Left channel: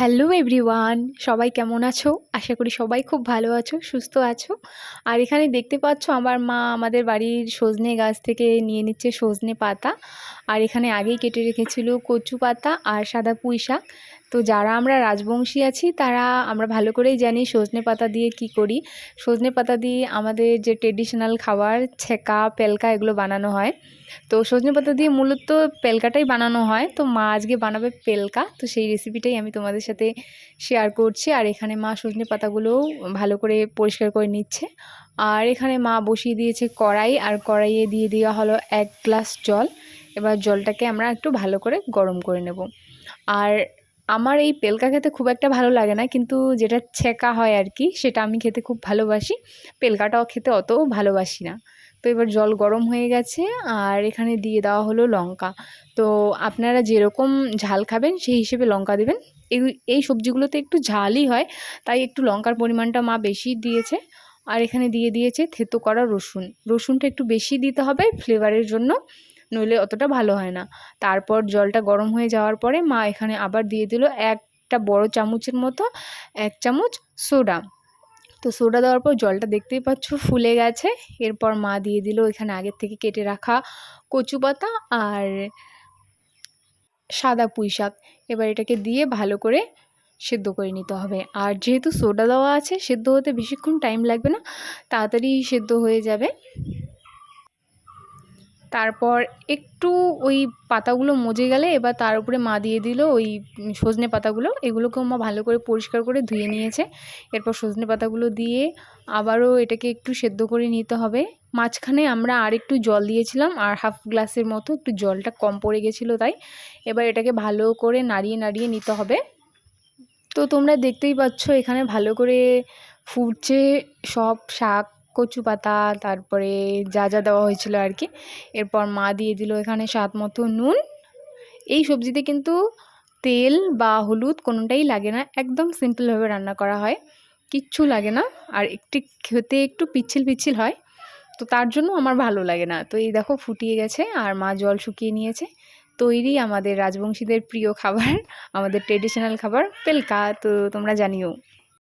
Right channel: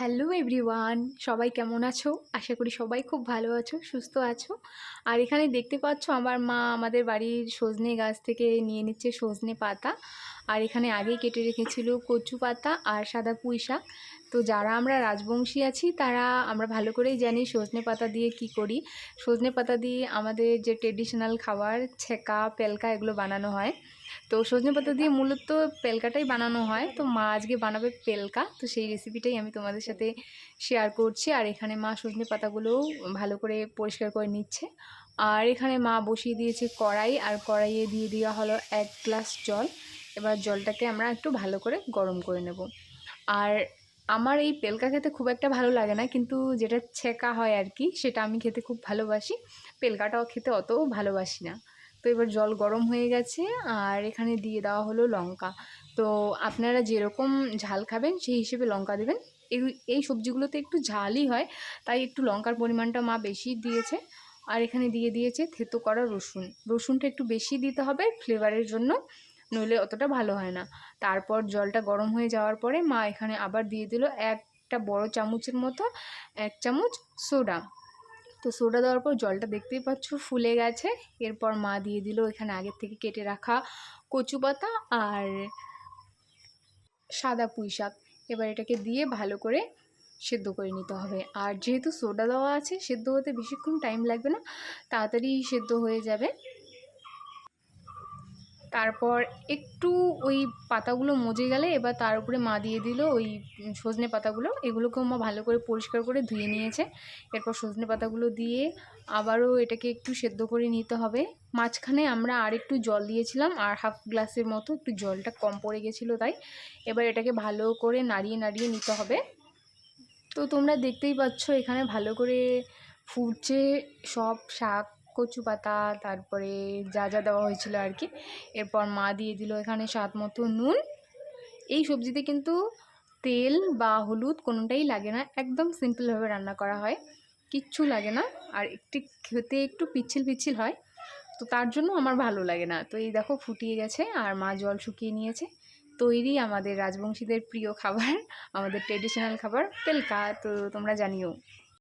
Hello everyone, সবাই কেমন আছো? আশা করি সবাই খুব ভালো আছো, সুস্থ আছো। আর এখানে দেখতে পাচ্ছ আমার মা আমাদের বাড়ির সজনে গাছ থেকে নিয়ে নিচ্ছে সজনে পাতা। আর এখানে আগেই কেটে রেখেছিল কচু পাতা আর সাদা পুঁই শাক। তো যারা আমরা রাজবংশী আছি তারা আমরা ভালো করেই জানি সজনে পাতা দিয়ে কি করি। সজনে পাতা দিয়ে আমাদের যে ট্রেডিশনাল খাবার ছেঁকা, পেলকা এগুলো বানানো হয়। তো সজনে পাতা দিয়ে মূলত পেলকাটাই বানানো হয়। তো মা আজকে বানাবে পেলকা, তো সেই রেসিপিটাই আমি তোমাদের সাথে শেয়ার করছি। আর এখানে মা সজনে পাতাগুলোও ভালো করে পরিষ্কার করে নিচ্ছে। আর এখানে মা বসিয়ে দিয়েছে কড়াই, আর কড়াইয়ে দিয়ে দেওয়া হলো 1 গ্লাস জল। এবার জলটাকে আমরা একটু ভালো করে গরম করে নেব। আর আমার এই পেলকা খেতে খুব একটা ভালো লাগে না, কিন্তু যেটা ছেঁকা হয় আর কি সেটা আমি খেতে খুব ভালোবাসি। পেলকাটাও খেতে অতও ভালোবাসি না। তো এবার জল গরম হয়ে গেছে, আর এখানে দিয়ে দেওয়া হলো লঙ্কা। তো আপনারা যেরকম ঝাল খাবেন সেই হিসেবে লঙ্কা দেবেন। এই এই সবজিগুলোতে একটু ঝালই হয়, তাই একটু লঙ্কার পরিমাণটা মা বেশি দিয়েছে। আর এখানে দিয়ে দিয়েছে থেতো করা রসুন। রসুনটা একটু বেশি দিতে হবে ফ্লেভারের জন্য, নইলে অতটা ভালো হয় না। তারপর জলটা গরম হয়ে যাওয়ার পরে মা এখানে আবার দিয়ে দিল একটা বড় চামচের মতো 1 চামচ সোডা। তো সোডা দেওয়ার পর জলটা দেখতেই পাচ্ছ ফুলে গেছে। এরপর মা দিয়ে দিল এখানে আগের থেকে কেটে রাখা কচু পাতা আর সাদা পুঁই শাক। এবার এটাকে দিয়ে ভালো করে সেদ্ধ করে নিতে হবে। আর যেহেতু সোডা দেওয়া আছে, সেদ্ধ হতে বেশিক্ষণ টাইম লাগবে না, তাড়াতাড়ি সেদ্ধ হয়ে যাবে। তারপর একটু ওই পাতাগুলো মজে গেলে এবার তার উপরে মা দিয়ে দিল ওই সজনে পাতাগুলো। এগুলোকেও মা ভালো করে পরিষ্কার করে ধুয়ে নিয়েছে। এরপর সজনে পাতাগুলো দিয়ে আবারও এটাকে একটু সেদ্ধ করে নিতে হবে। মাঝখানে আমরা আরেকটু জল দিয়েছিলাম, আর হাফ গ্লাসের মতো একটু জলটা কম পড়ে গেছিলো তাই। এবার এটাকে ভালো করে নাড়িয়ে নাড়িয়ে নিতে হবে। তো তোমরা দেখতেই পাচ্ছ এখানে ভালো করে ফুটছে সব শাক, কচু পাতা, তারপরে যা যা দেওয়া হয়েছিল আর কি। এরপর মা দিয়ে দিল এখানে স্বাদ মতো নুন। এই সবজিতে কিন্তু তেল বা হলুদ কোনোটাই লাগে না, একদম সিম্পলভাবে রান্না করা হয়, কিচ্ছু লাগে না। আর একটু খেতে একটু পিচ্ছিল পিচ্ছিল হয়, তো তার জন্য আমার ভালো লাগে না। তো এই দেখো ফুটিয়ে গেছে, আর মা জল শুকিয়ে নিয়েছে। তৈরি আমাদের রাজবংশীদের প্রিয় খাবার, আমাদের ট্রেডিশনাল খাবার পেলকা। তো তোমরা জানিও।